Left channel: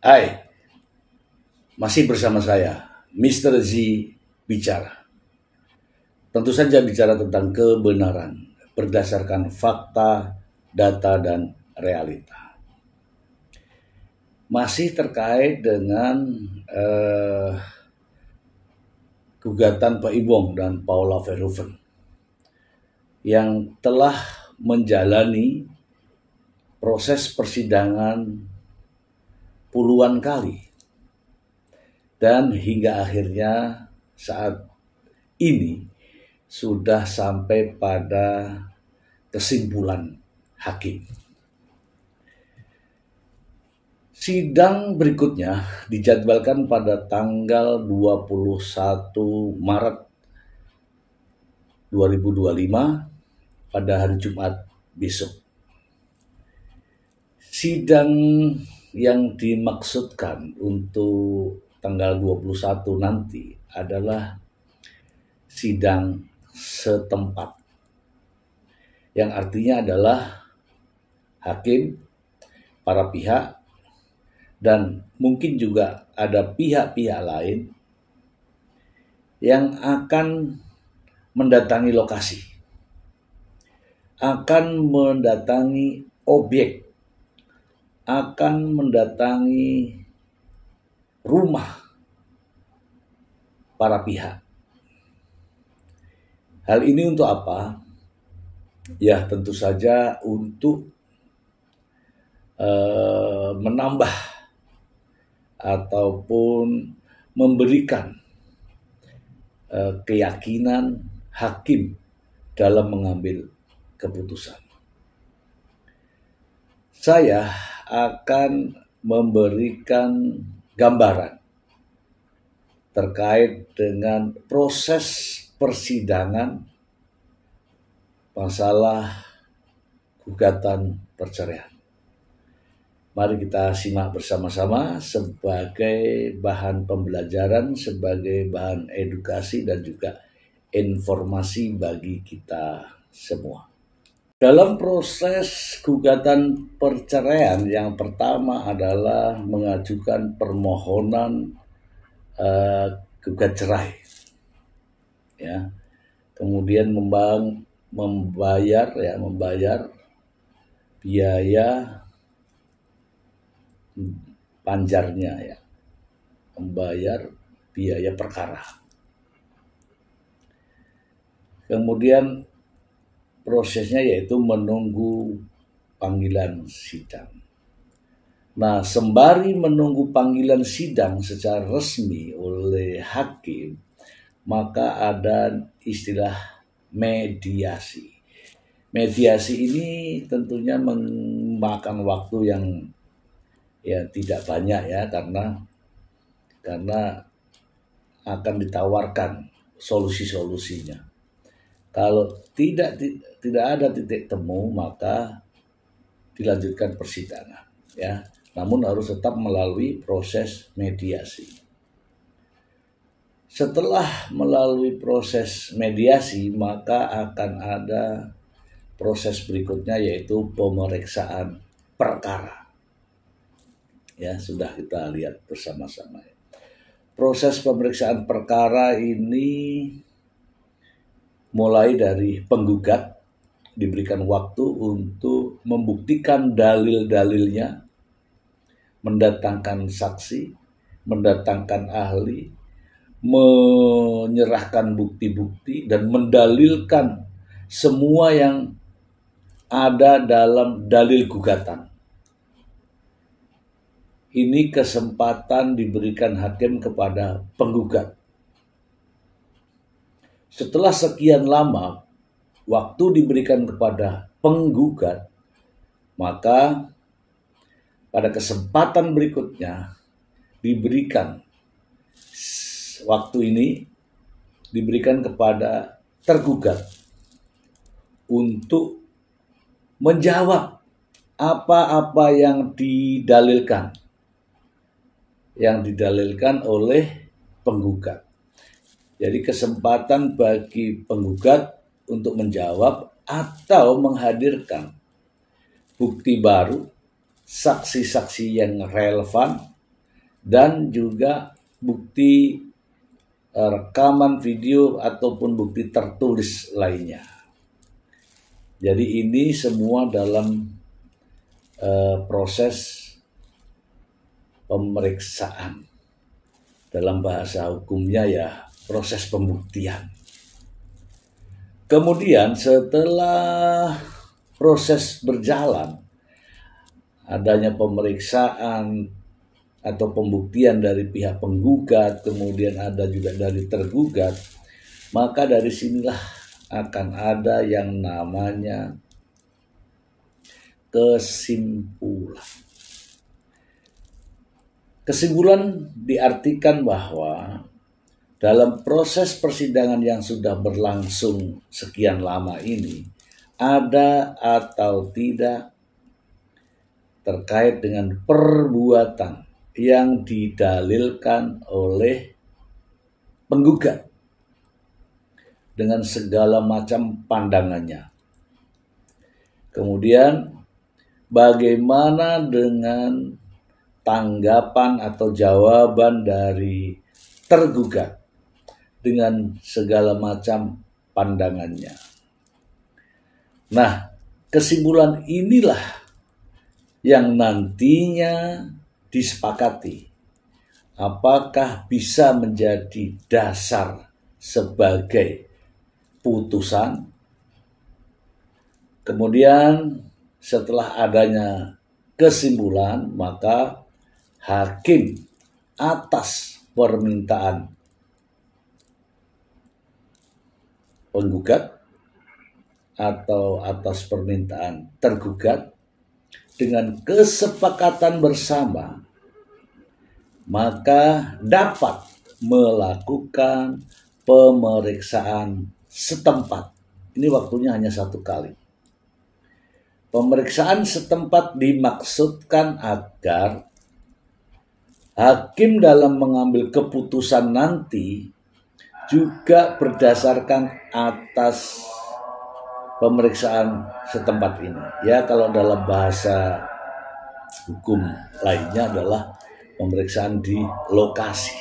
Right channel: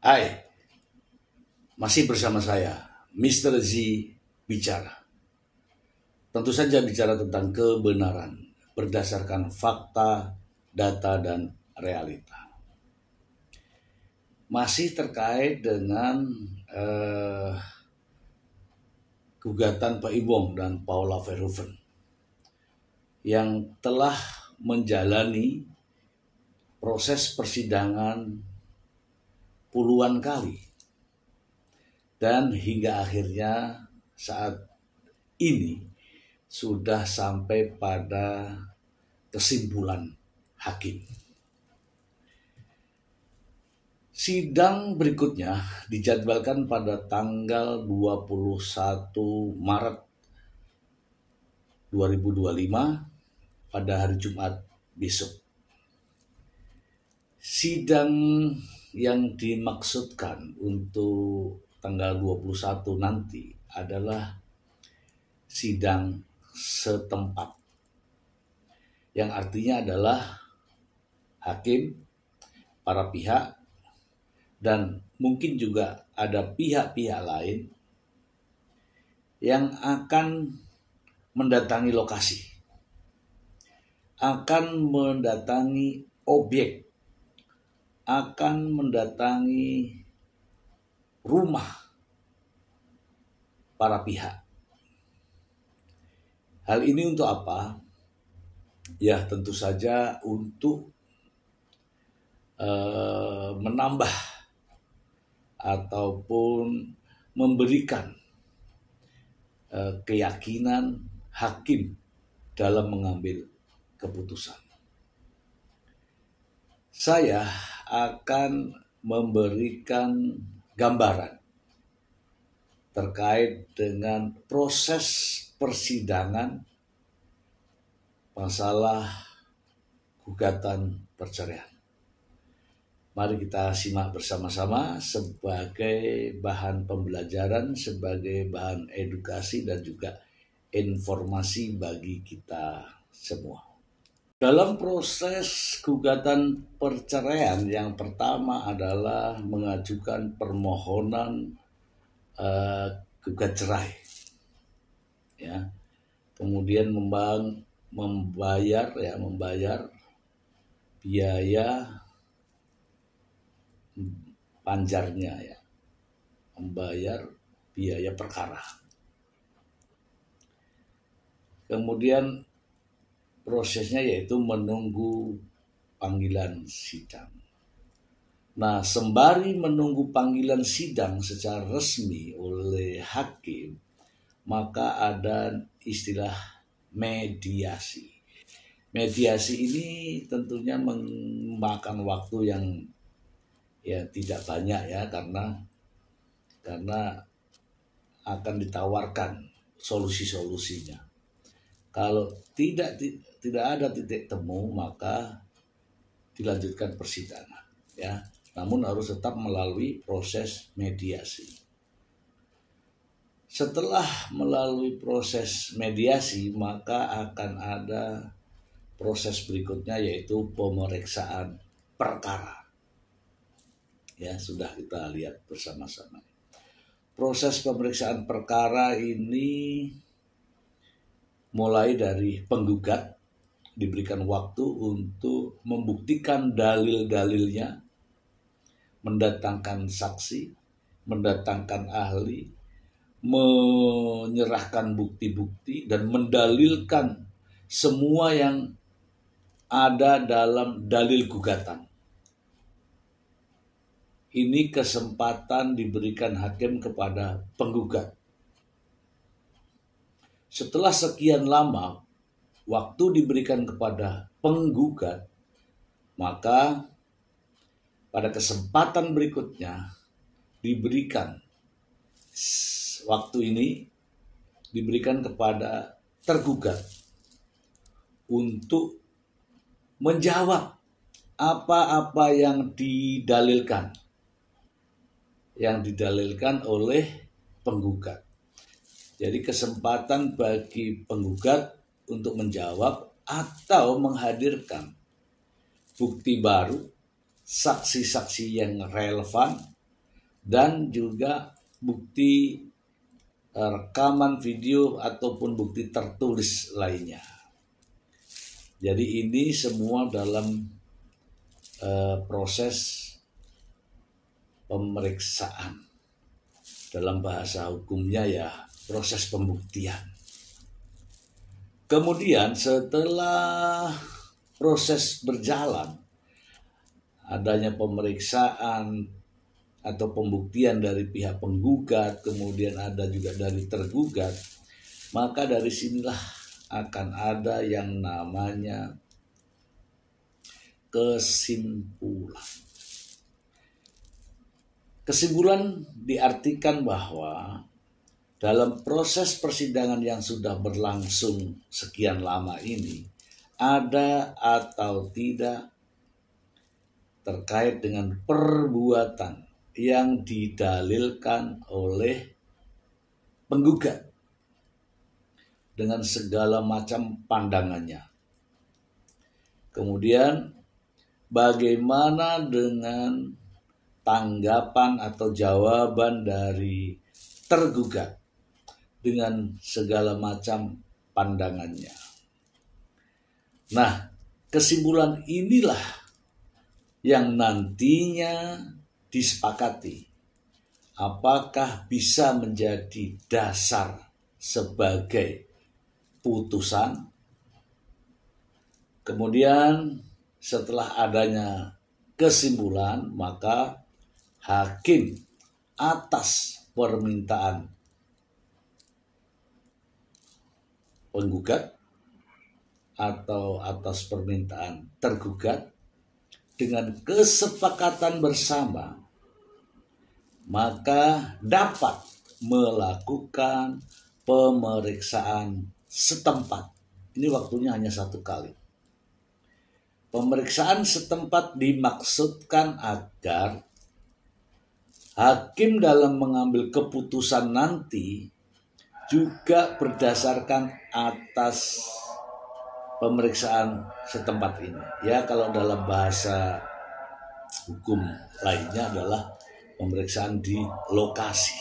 Hai, masih bersama saya, Mr. Z bicara. Tentu saja bicara tentang kebenaran berdasarkan fakta, data, dan realita. Masih terkait dengan gugatan Pak Ibong dan Paula Verhoeven yang telah menjalani proses persidangan puluhan kali. Dan hingga akhirnya saat ini sudah sampai pada kesimpulan hakim. Sidang berikutnya dijadwalkan pada tanggal 21 Maret 2025 pada hari Jumat besok. Sidang yang dimaksudkan untuk tanggal 21 nanti adalah sidang setempat, yang artinya adalah hakim, para pihak, dan mungkin juga ada pihak-pihak lain yang akan mendatangi lokasi, akan mendatangi objek, akan mendatangi rumah para pihak. Hal ini untuk apa? Ya tentu saja untuk menambah ataupun memberikan keyakinan hakim dalam mengambil keputusan. Saya akan memberikan gambaran terkait dengan proses persidangan masalah gugatan perceraian. Mari kita simak bersama-sama sebagai bahan pembelajaran, sebagai bahan edukasi dan juga informasi bagi kita semua. Dalam proses gugatan perceraian, yang pertama adalah mengajukan permohonan gugat cerai, ya. Kemudian membayar biaya panjarnya, ya, membayar biaya perkara. Kemudian prosesnya yaitu menunggu panggilan sidang. Nah, sembari menunggu panggilan sidang secara resmi oleh hakim, maka ada istilah mediasi. Mediasi ini tentunya memakan waktu yang tidak banyak, ya, karena akan ditawarkan solusi-solusinya. Kalau tidak ada titik temu, maka dilanjutkan persidangan, ya. Namun harus tetap melalui proses mediasi. Setelah melalui proses mediasi, maka akan ada proses berikutnya yaitu pemeriksaan perkara. Ya, sudah kita lihat bersama-sama. Proses pemeriksaan perkara ini mulai dari penggugat diberikan waktu untuk membuktikan dalil-dalilnya, mendatangkan saksi, mendatangkan ahli, menyerahkan bukti-bukti dan mendalilkan semua yang ada dalam dalil gugatan. Ini kesempatan diberikan hakim kepada penggugat. Setelah sekian lama waktu diberikan kepada penggugat, maka pada kesempatan berikutnya waktu ini diberikan kepada tergugat untuk menjawab apa-apa yang didalilkan oleh penggugat. Jadi kesempatan bagi penggugat untuk menjawab atau menghadirkan bukti baru, saksi-saksi yang relevan, dan juga bukti rekaman video ataupun bukti tertulis lainnya. Jadi ini semua dalam proses pemeriksaan. Dalam bahasa hukumnya ya proses pembuktian. Kemudian setelah proses berjalan, adanya pemeriksaan atau pembuktian dari pihak penggugat, kemudian ada juga dari tergugat, maka dari sinilah akan ada yang namanya kesimpulan. Kesimpulan diartikan bahwa dalam proses persidangan yang sudah berlangsung sekian lama ini, ada atau tidak terkait dengan perbuatan yang didalilkan oleh penggugat dengan segala macam pandangannya. Kemudian bagaimana dengan tanggapan atau jawaban dari tergugat dengan segala macam pandangannya. Nah, kesimpulan inilah yang nantinya disepakati apakah bisa menjadi dasar sebagai putusan. Kemudian setelah adanya kesimpulan, maka hakim atas permintaan penggugat atau atas permintaan tergugat dengan kesepakatan bersama, maka dapat melakukan pemeriksaan setempat. Ini waktunya hanya 1 kali. Pemeriksaan setempat dimaksudkan agar hakim dalam mengambil keputusan nanti juga berdasarkan atas pemeriksaan setempat ini. Ya, kalau dalam bahasa hukum lainnya adalah pemeriksaan di lokasi.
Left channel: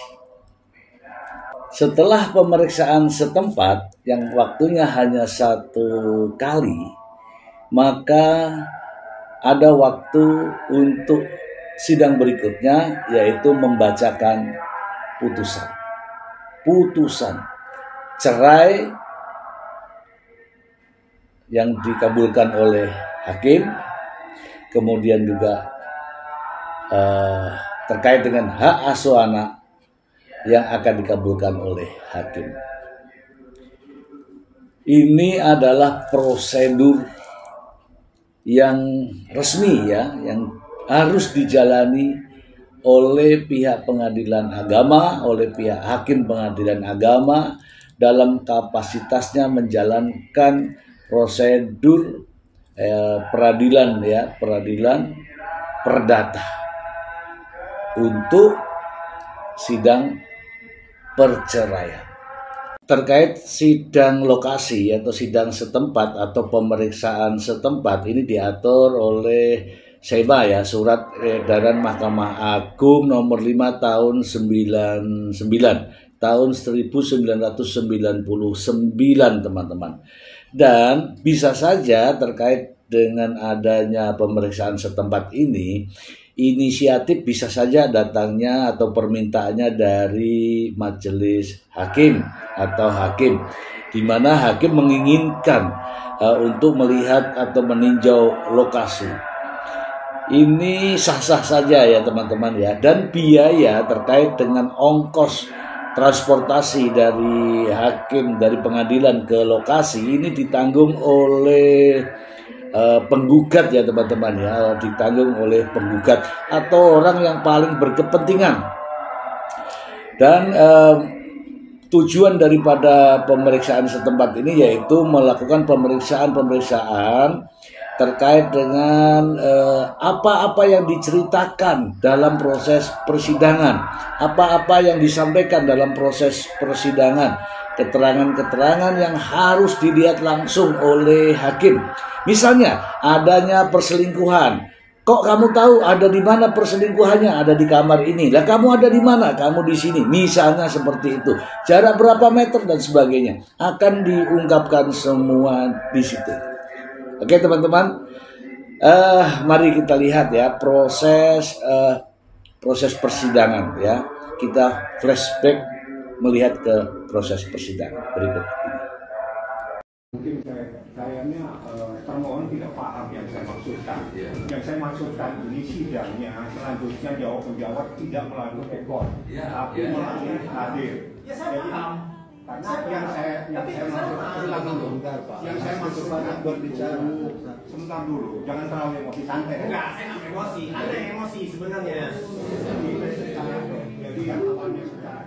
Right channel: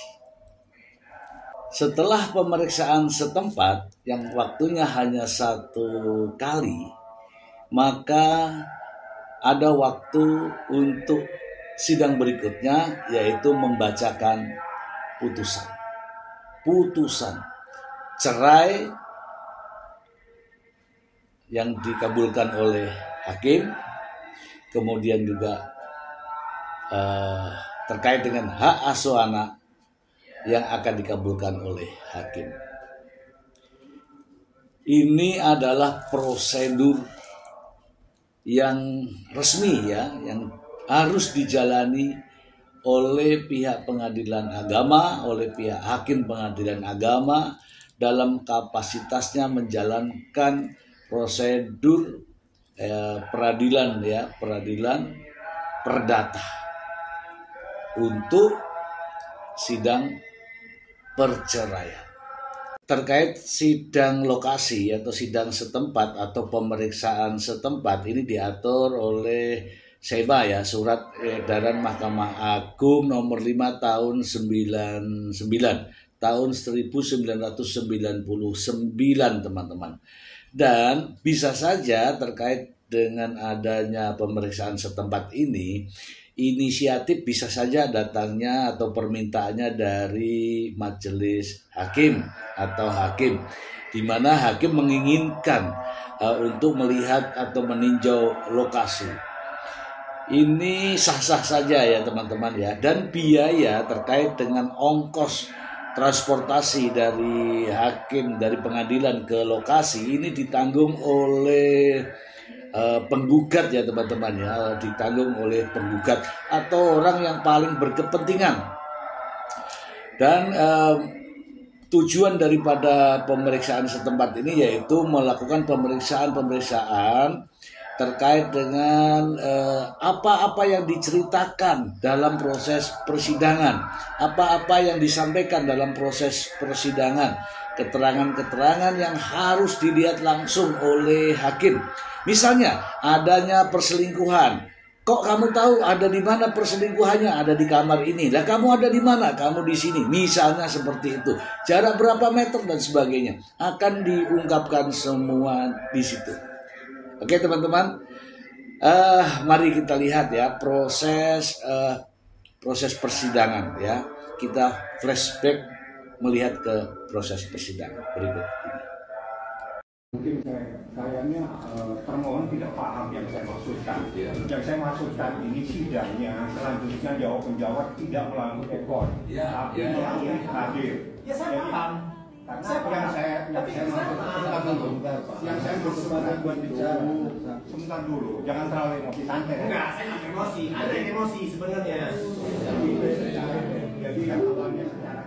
Setelah pemeriksaan setempat yang waktunya hanya 1 kali, maka ada waktu untuk sidang berikutnya, yaitu membacakan putusan cerai yang dikabulkan oleh hakim, kemudian juga terkait dengan hak asuh anak yang akan dikabulkan oleh hakim. Ini adalah prosedur yang resmi ya, yang harus dijalani oleh pihak pengadilan agama, oleh pihak hakim pengadilan agama dalam kapasitasnya menjalankan prosedur peradilan perdata untuk sidang perceraian. Terkait sidang lokasi atau sidang setempat atau pemeriksaan setempat, ini diatur oleh SEMA ya, Surat Edaran Mahkamah Agung nomor 5 tahun 99 tahun 1999, teman-teman. Dan bisa saja terkait dengan adanya pemeriksaan setempat ini, inisiatif bisa saja datangnya atau permintaannya dari majelis hakim atau hakim, di mana hakim menginginkan untuk melihat atau meninjau lokasi. Ini sah-sah saja ya teman-teman ya, dan biaya terkait dengan ongkos transportasi dari hakim dari pengadilan ke lokasi ini ditanggung oleh penggugat ya teman-teman ya, ditanggung oleh penggugat atau orang yang paling berkepentingan. Dan tujuan daripada pemeriksaan setempat ini yaitu melakukan pemeriksaan terkait dengan apa-apa yang diceritakan dalam proses persidangan, apa-apa yang disampaikan dalam proses persidangan, keterangan-keterangan yang harus dilihat langsung oleh hakim. Misalnya adanya perselingkuhan, Kok kamu tahu ada di mana perselingkuhannya? Ada di kamar ini. Lah kamu ada di mana? Kamu di sini. Misalnya seperti itu. Jarak berapa meter dan sebagainya akan diungkapkan semua di situ. Oke teman-teman, mari kita lihat ya proses persidangan ya. Kita flashback melihat ke proses persidangan berikut ini. Mungkin kayaknya termohon tidak paham yang saya maksudkan. Yang saya maksudkan ini sidangnya selanjutnya jawab menjawab tidak melalui ekor, tapi melalui hadir. Ya saya paham. Karena yang saya maksudkan buat bicara. Sebentar dulu, jangan terlalu emosi, santai. Enggak, saya nggak emosi. Anda yang emosi sebenarnya. Jadi yang awalnya secara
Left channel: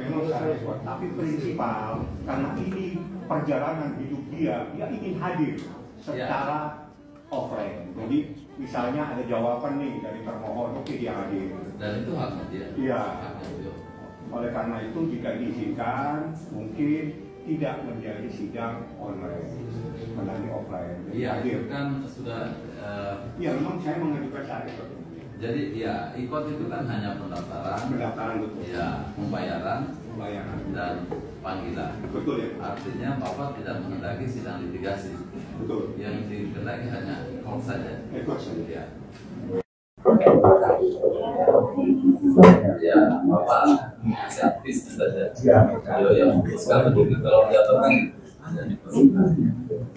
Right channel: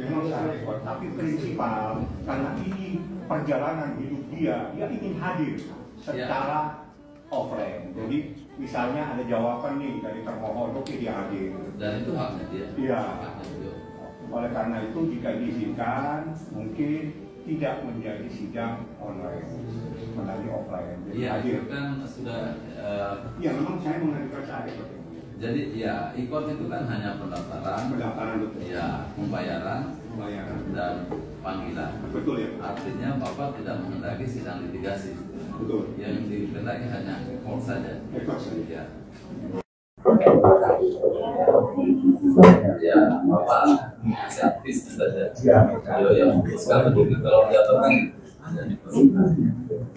ekor, tapi prinsipal karena ini perjalanan hidup dia ingin hadir secara offline. Jadi misalnya ada jawaban nih dari termohon, oke dia hadir. Dan itu haknya dia. Iya. Oleh karena itu jika diizinkan mungkin tidak menjadi sidang online, menjadi offline. Iya, itu kan sudah. Ya memang saya mengajukan saya. Jadi ya ikut itu kan hanya pendaftaran, betul. Ya pembayaran, dan panggilan. Betul ya. Artinya Bapak tidak menghendaki sidang litigasi. Betul. Yang dikehendaki hanya ikut saja. Ikut saja. Ya. Ya, Bapak aktif saja. Yo yang memutuskan begitu kalau jatuh kan hanya diperlukan.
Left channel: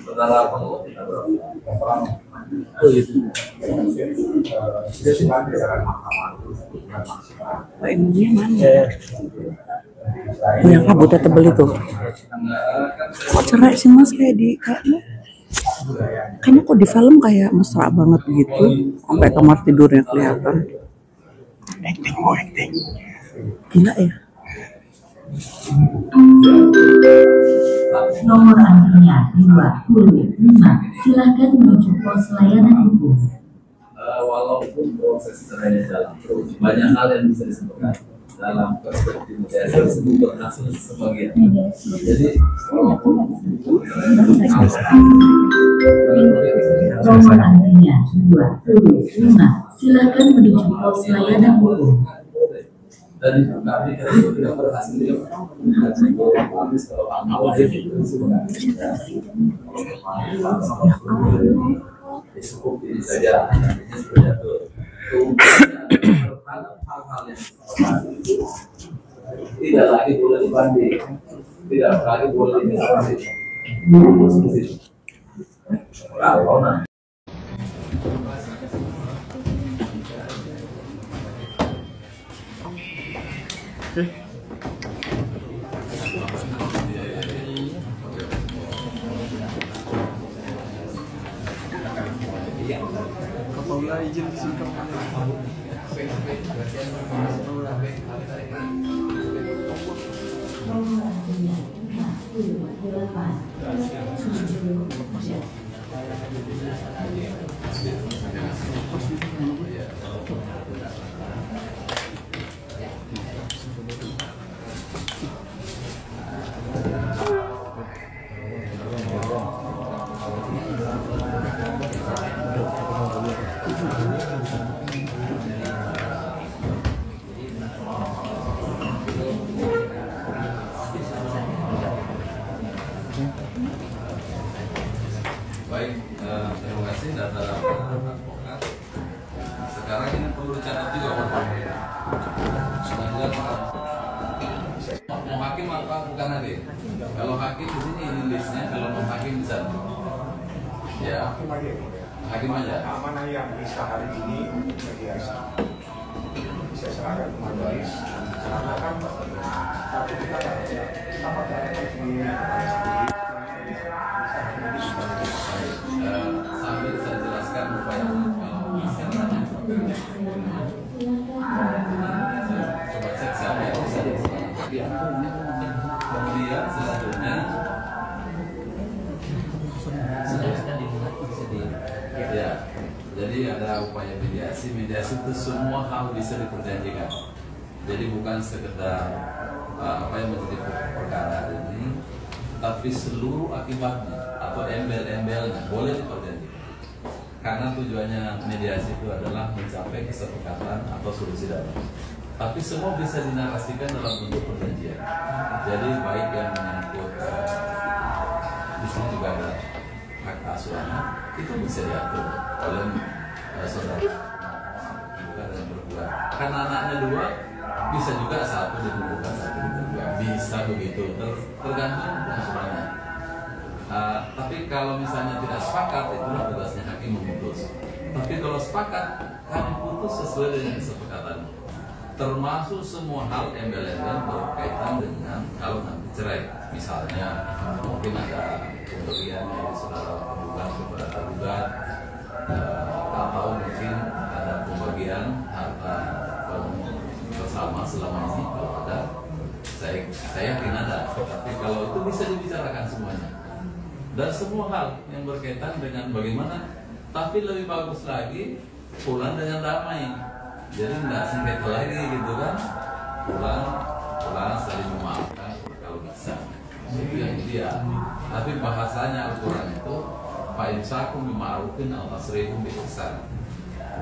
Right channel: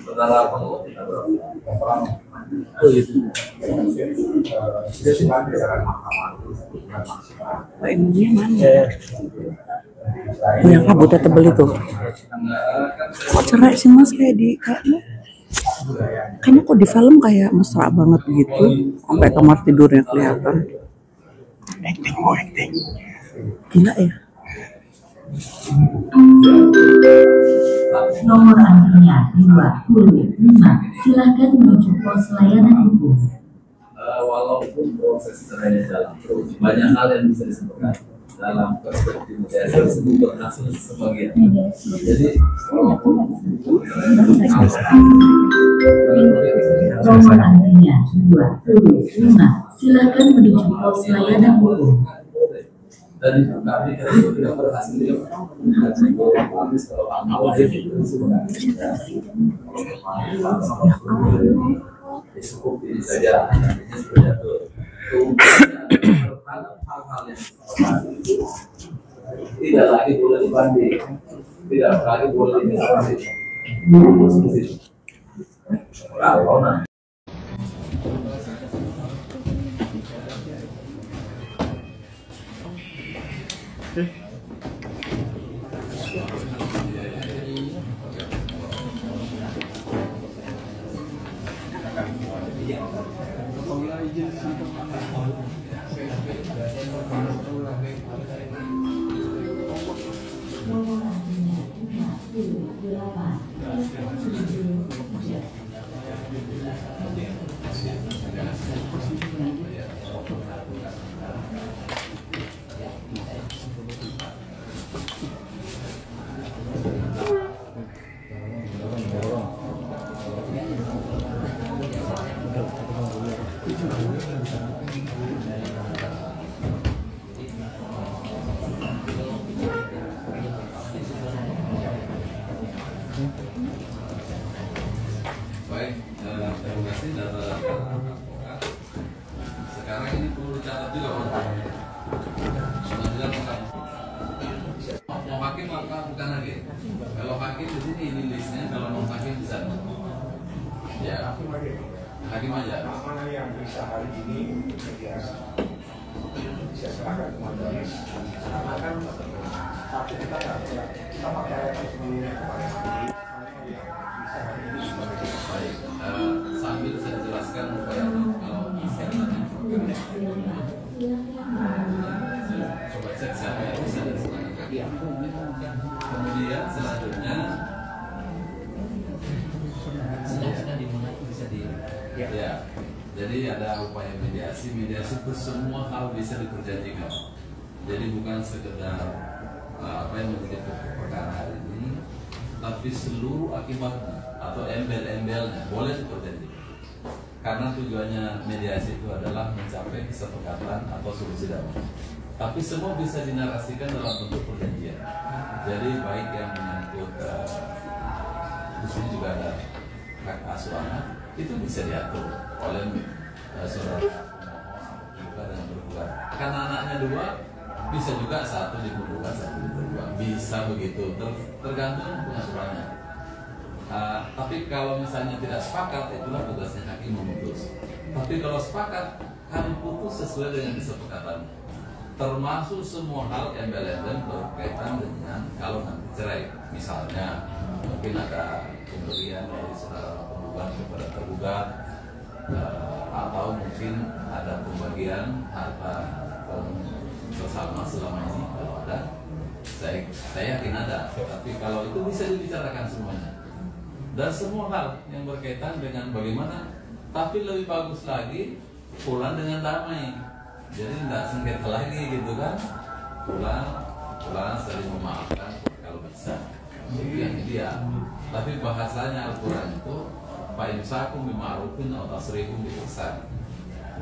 Saudara perlu kita berapa? Oh itu. Oh ininya mana? Oh yang kabutnya tebel itu. Kok cerai sih mas kayaknya kok di film kayak mesra banget gitu. Sampai kamar tidurnya kelihatan. Acting. Gila ya. Nomor antrian 25. Silakan menuju pos layanan hukum. Walaupun proses cerainya jalan terus, banyak hal yang bisa disebutkan dalam perspektif saya disebut berhasil sebagian. Jadi nomor antrian 25. Silakan menuju pos layanan hukum. dan kami itu tidak berhasil habis kalau awal itu cukup ini saja nantinya sudah hal-hal yang tidak lagi boleh dibanding, tidak lagi boleh dibanding. Kalau nanti Paula izin disimpan. baik, terima kasih data-data advokat. Sekarang ini perlu dicatat juga sudah bilang mau hakim apa bukan hakim. Kalau hakim di sini ini listnya, kalau mau hakim di sana. Ya, hakim aja. Mana yang bisa hari ini bisa serahkan ke majelis. Karena kan satu kita pakai sendiri. Sambil saya jelaskan upaya kalau misalnya coba cek siapa yang bisa kemudian selanjutnya ya, jadi ada upaya mediasi itu semua hal bisa diperjanjikan, jadi bukan sekedar apa yang menjadi perkara ini, tapi seluruh akibatnya atau embel-embelnya boleh diperjanjikan. karena tujuannya mediasi itu adalah mencapai kesepakatan atau solusi damai. Tapi semua bisa dinarasikan dalam bentuk perjanjian. Jadi baik yang menyangkut di sini juga ada hak asuh anak, itu bisa diatur oleh saudara juga dan bergugat. Karena anaknya 2, bisa juga 1 dikumpulkan 1 dikumpulkan, bisa begitu, tergantung pengasuhannya. Tapi kalau misalnya tidak sepakat, itulah tugasnya hakim memutus. Tapi kalau sepakat, kami putus sesuai dengan kesepakatan, termasuk semua hal embel-embel berkaitan dengan kalau nanti cerai. Misalnya mungkin ada pemberian dari saudara penggugat kepada tergugat, atau mungkin ada pembagian harta bersama selama ini. Kalau ada, saya yakin ada. Tapi kalau itu bisa dibicarakan semuanya, dan semua hal yang berkaitan dengan bagaimana. Tapi lebih bagus lagi pulang dengan damai, jadi tidak sengketa lagi gitu kan. Pulang saling memaafkan kalau bisa, itu yang ideal. Tapi bahasanya Al-Quran itu fa'imsakum bima'rufin aw tasrihum bi ihsan,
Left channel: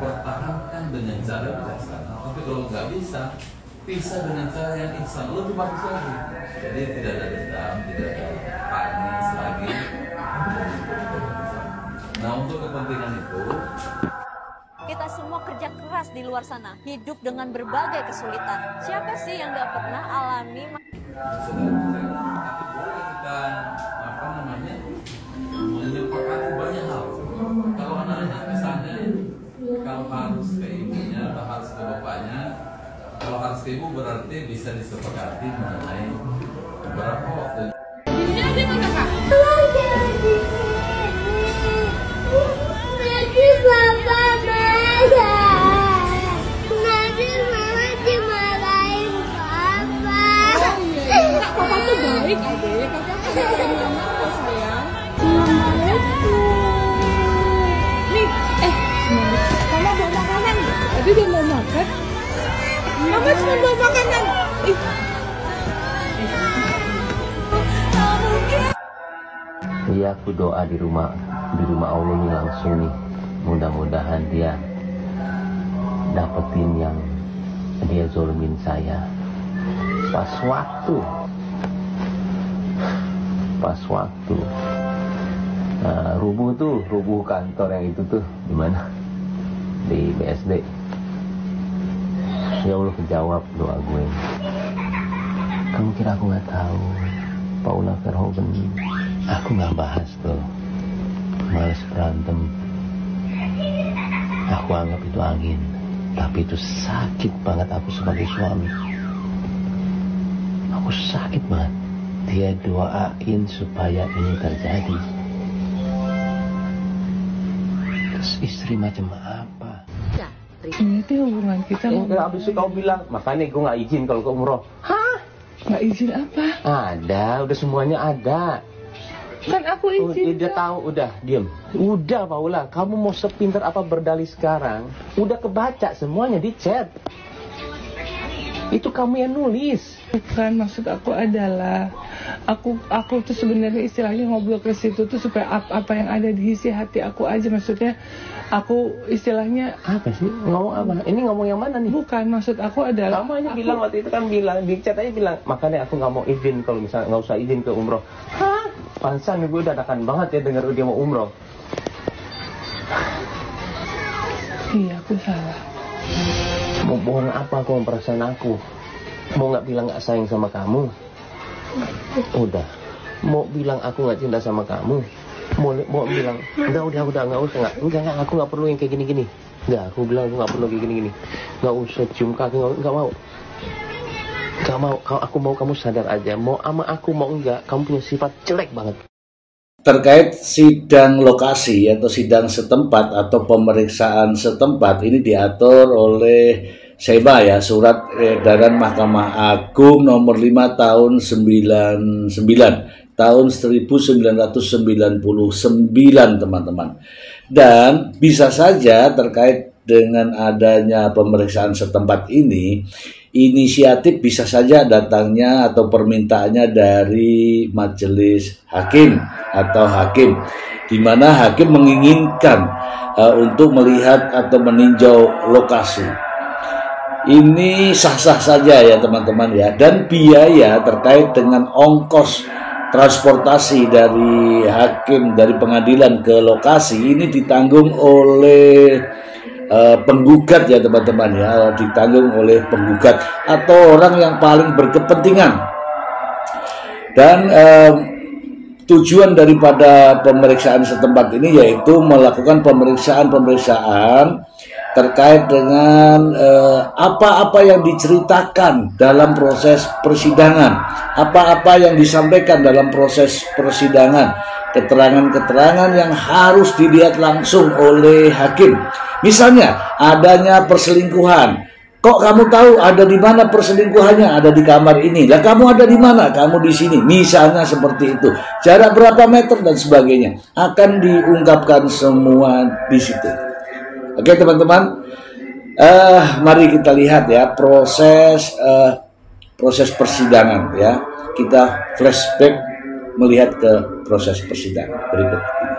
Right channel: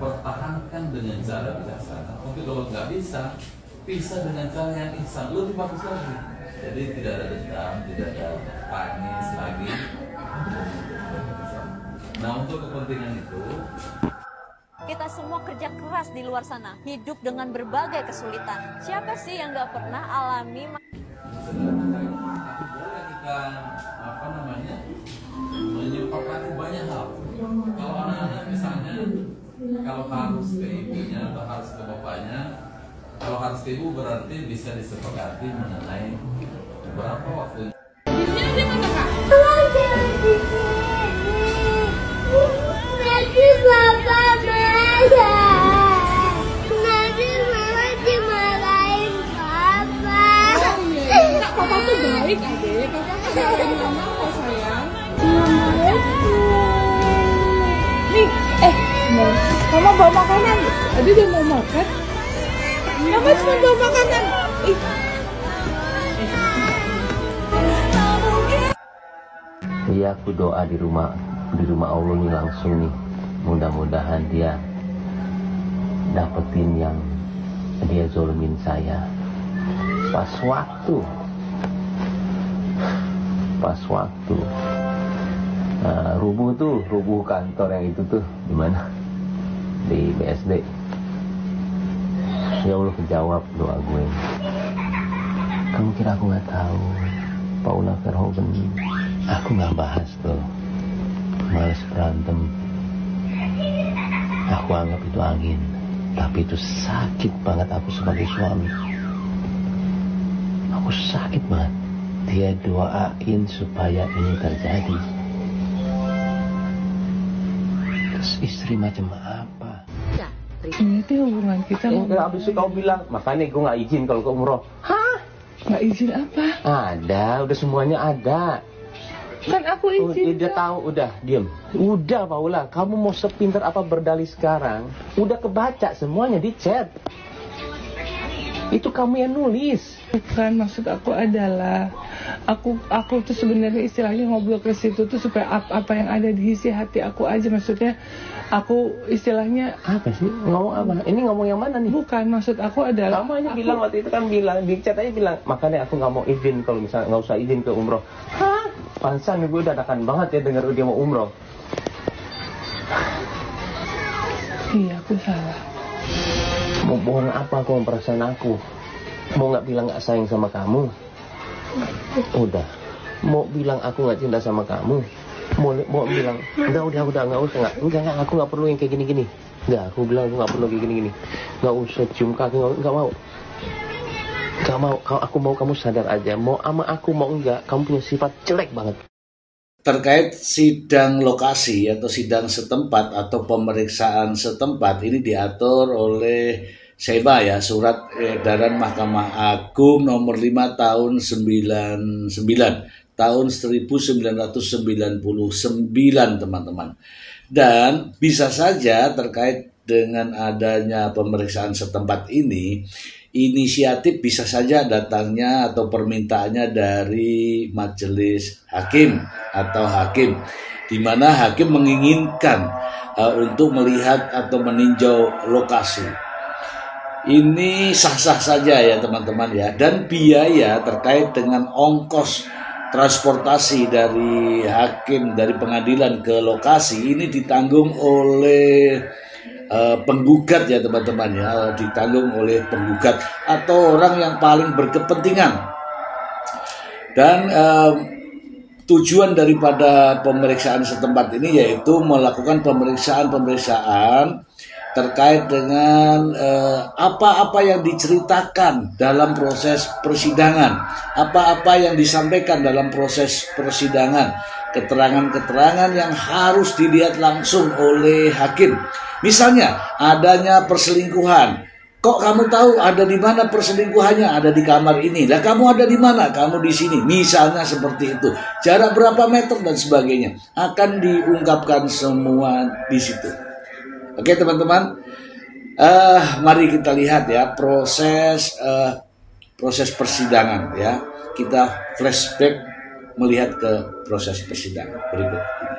pertahankan dengan cara bijaksana. Tapi kalau nggak bisa, pisah dengan cara yang ihsan, lebih bagus lagi. Jadi tidak ada dendam, tidak ada tangis lagi. Nah, untuk kepentingan itu kita semua kerja keras di luar sana, hidup dengan berbagai kesulitan. Siapa sih yang nggak pernah alami? Tapi boleh kita menyepakati banyak hal. Kalau anak-anak misalnya, kalau harus ke ibunya atau harus ke bapaknya, kalau harus ke ibu berarti bisa disepakati mengenai berapa waktu. Di mana Kak? Nanti papa marah. Nanti mama dimarahin papa. Oh iya, Kak, papa tuh baik adek. Papa kan dimarahin mama kok sayang. Nih, mama bawa makanan. Aduh, dia mau makan. Mama cuma bawa makanan. Iya, aku doa di rumah Allah nih langsung nih, mudah-mudahan dia dapetin yang dia zolimin saya pas waktu rubuh kantor yang itu tuh di mana, di BSD. Ya Allah, kejawab doa gue. Kamu kira aku nggak tahu Paula Verhoeven? Aku nggak bahas tuh, males berantem. Aku anggap itu angin, tapi itu sakit banget aku sebagai suami. Aku sakit banget. Dia doain supaya ini terjadi. Terus istri macam apa? Ini tuh hubungan kita. Abis itu kau bilang, makanya gue nggak izin kalau ke umroh. Hah? Nggak izin apa? Ada, udah semuanya ada. Kan aku izin. Udah tahu, udah diam. Udah Paula, kamu mau sepintar apa berdalih sekarang? Udah kebaca semuanya di chat. Itu kamu yang nulis. Bukan, maksud aku adalah aku tuh sebenarnya istilahnya ngobrol ke situ tuh supaya apa yang ada di isi hati aku aja. Maksudnya aku istilahnya apa sih? Ngomong apa? Ini ngomong yang mana nih? Bukan, maksud aku adalah kamu hanya bilang waktu itu kan bilang di chat aja bilang, makanya aku nggak mau izin kalau misalnya nggak usah izin ke umroh. Hah? Pansan gue dadakan banget ya dengar dia mau umroh. Iya, aku salah. Mau bohong apa aku sama perasaan aku? Mau nggak bilang nggak sayang sama kamu? Udah. Mau bilang aku nggak cinta sama kamu? Mau bilang udah nggak usah enggak aku nggak perlu yang kayak gini. Nggak, aku bilang aku nggak perlu kayak gini. Nggak usah cium kaki, nggak mau. Aku mau kamu sadar aja. Mau ama aku mau enggak, kamu punya sifat jelek banget. Terkait sidang lokasi atau sidang setempat atau pemeriksaan setempat ini diatur oleh SEMA ya, Surat Edaran Mahkamah Agung nomor 5 tahun 99 tahun 1999 teman-teman. Dan bisa saja terkait dengan adanya pemeriksaan setempat ini, inisiatif bisa saja datangnya atau permintaannya dari majelis hakim atau hakim, di mana hakim menginginkan untuk melihat atau meninjau lokasi. Ini sah-sah saja ya teman-teman ya, dan biaya terkait dengan ongkos transportasi dari hakim dari pengadilan ke lokasi ini ditanggung oleh penggugat ya teman-teman ya, ditanggung oleh penggugat atau orang yang paling berkepentingan. Dan tujuan daripada pemeriksaan setempat ini yaitu melakukan pemeriksaan terkait dengan apa-apa yang diceritakan dalam proses persidangan, apa-apa yang disampaikan dalam proses persidangan, keterangan-keterangan yang harus dilihat langsung oleh hakim. Misalnya adanya perselingkuhan, kok kamu tahu ada di mana perselingkuhannya? Ada di kamar ini. Lah kamu ada di mana? Kamu di sini. Misalnya seperti itu. Jarak berapa meter dan sebagainya akan diungkapkan semua di situ. Oke teman-teman, mari kita lihat ya proses persidangan ya. Kita flashback melihat ke proses persidangan berikut ini.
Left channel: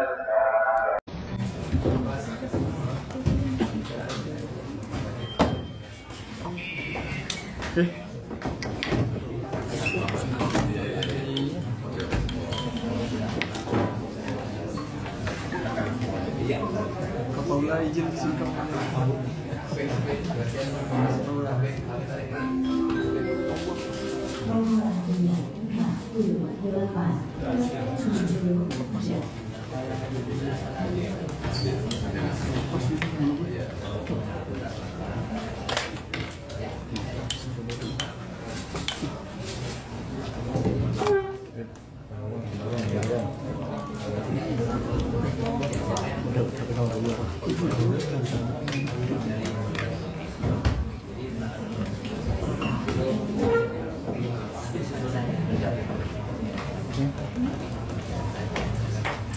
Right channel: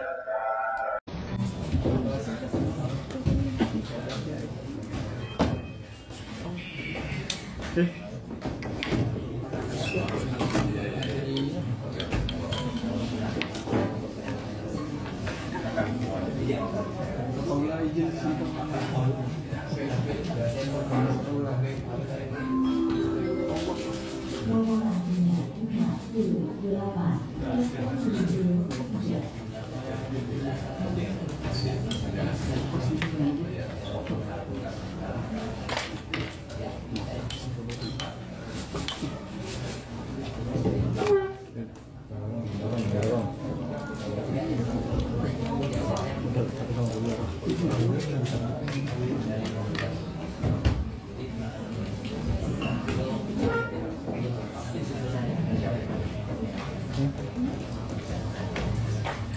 Paula izin disingkat.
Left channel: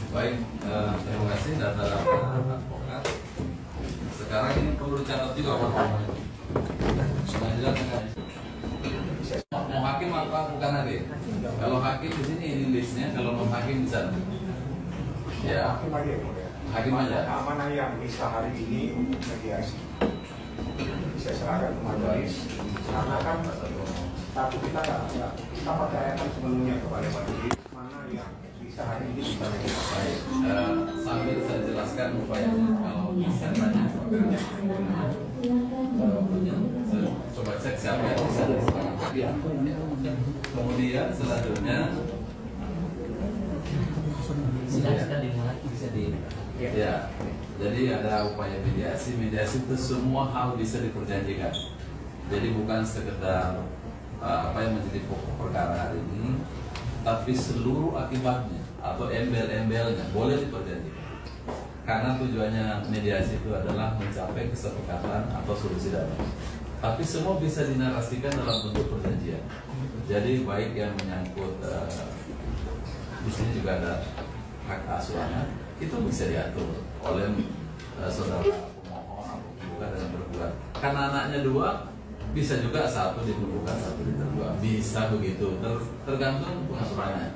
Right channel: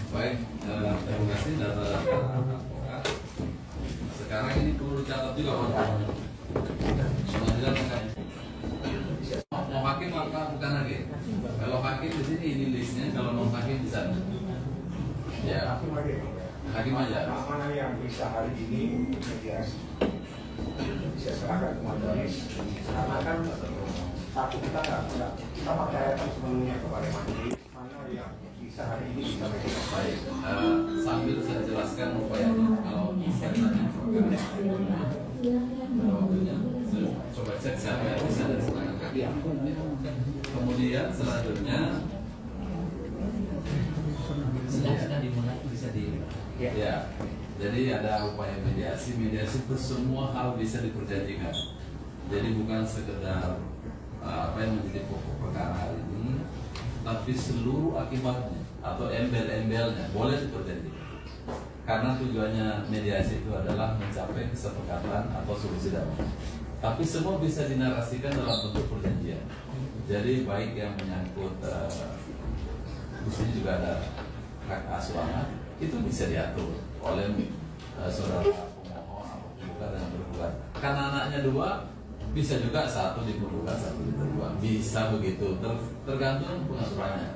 Baik, terima kasih data-data advokat. Sekarang ini perlu dicatat juga Pak. Pengadilan mau hakim apa bukan hakim? Kalau hakim di sini ini listnya, kalau non hakim di sana. Ya, hakim aja. Mana yang bisa hari ini mediasi bisa serahkan ke majelis, karena kan satu kita kita percayakan sepenuhnya kepada majelis. Mana yang bisa hari ini bisa mediasi. Baik, sambil saya jelaskan upayanya. Kalau bisa ditanya waktunya, coba cek siapa yang bisa dari setengah kaki. Kemudian selanjutnya Silakan dimulai, bisa di. Ya, jadi ada upaya mediasi. Mediasi itu semua hal bisa diperjanjikan. Jadi bukan sekedar apa yang menjadi pokok perkara hari ini, tapi seluruh akibatnya atau embel-embelnya boleh diperjanjikan. Karena tujuannya mediasi itu adalah mencapai kesepakatan atau solusi damai. Tapi semua bisa dinarasikan dalam bentuk perjanjian. Jadi baik yang menyangkut di sini juga ada hak asuh anak, itu bisa diatur oleh saudara pemohon atau penggugat dan bergugat. Karena anaknya dua, bisa juga satu dipergugat, satu ditergugat. Bisa begitu, tergantung pengaturannya.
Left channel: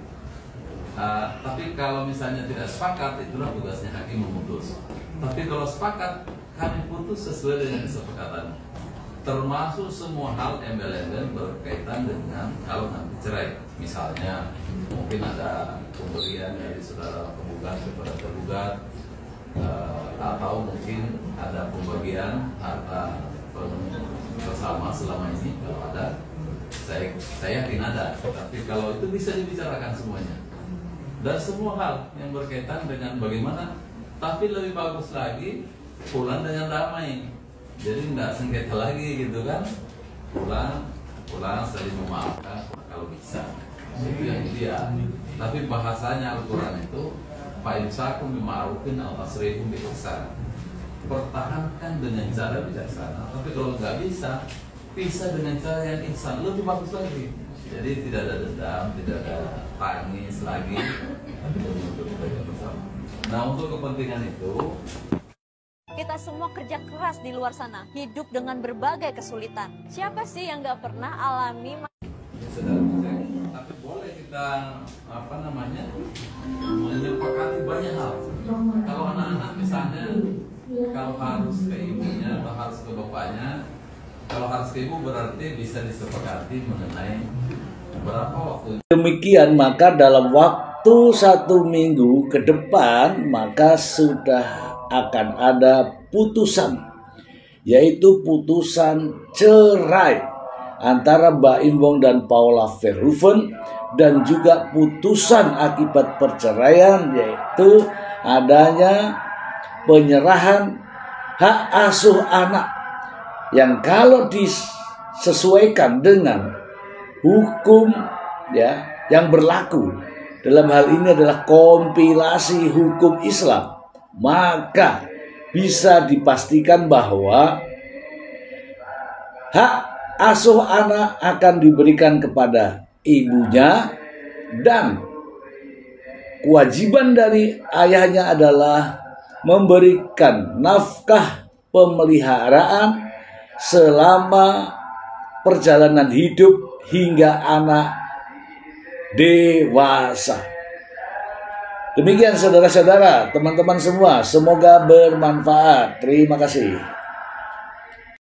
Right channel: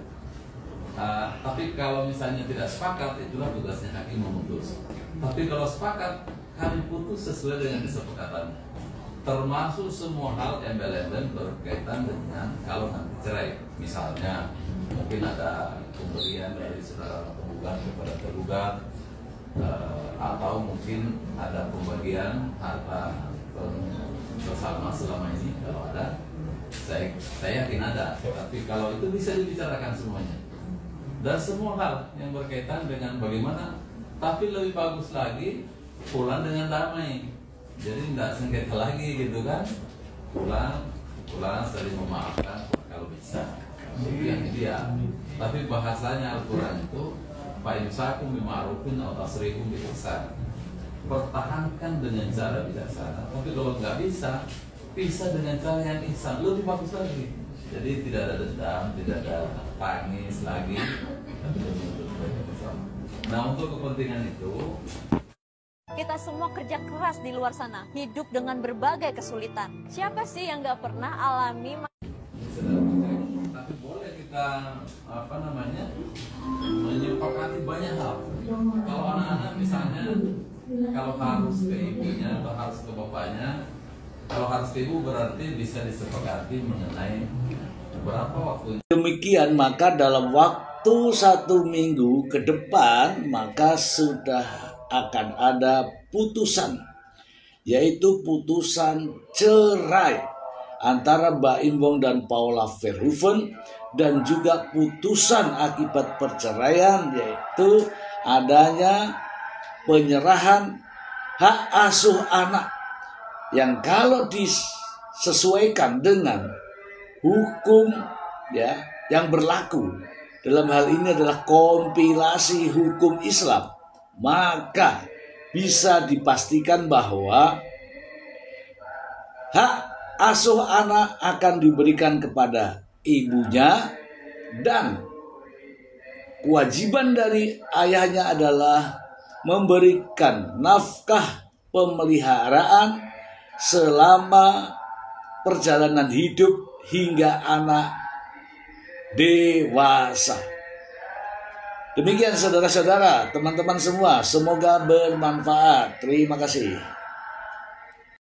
Tapi kalau misalnya tidak sepakat, itulah tugasnya hakim memutus. Tapi kalau sepakat, kami putus sesuai dengan kesepakatan. Termasuk semua hal embel-embel berkaitan dengan kalau nanti cerai. Misalnya mungkin ada pemberian dari saudara penggugat kepada tergugat, atau mungkin ada pembagian harta bersama selama ini. Kalau ada, saya yakin ada. Tapi kalau itu bisa dibicarakan semuanya. Dan semua hal yang berkaitan dengan bagaimana, tapi lebih bagus lagi pulang dengan damai. Jadi tidak sengketa lagi gitu kan. Pulang saling memaafkan kalau bisa. Itu yang ideal. Tapi bahasanya Al-Quran itu fa'imsakum bima'rufin aw tasrihum biihsan. Pertahankan dengan cara bijaksana. Tapi kalau nggak bisa, pisah dengan cara yang ihsan, lebih bagus lagi. Jadi tidak ada dendam, tidak ada tangis lagi, tapi lebih untuk kebaikan bersama. Nah, untuk kepentingan itu, kita semua kerja keras di luar sana, hidup dengan berbagai kesulitan. Siapa sih yang nggak pernah alami? Tapi boleh kita menyepakati banyak hal. Kalau anak-anak misalnya Kalau harus ke ibunya atau harus ke bapaknya, kalau harus ke ibu berarti bisa disepakati mengenai berapa waktu. Demikian, maka dalam waktu 1 minggu ke depan maka sudah akan ada putusan, yaitu putusan cerai antara Mbak Imbong dan Paula Verhoeven, dan juga putusan akibat perceraian, yaitu adanya penyerahan hak asuh anak yang kalau disesuaikan dengan hukum ya yang berlaku dalam hal ini adalah kompilasi hukum Islam, maka bisa dipastikan bahwa hak asuh anak akan diberikan kepada ibunya, dan kewajiban dari ayahnya adalah memberikan nafkah pemeliharaan selama perjalanan hidup hingga anak dewasa. Demikian saudara-saudara, teman-teman semua, semoga bermanfaat. Terima kasih.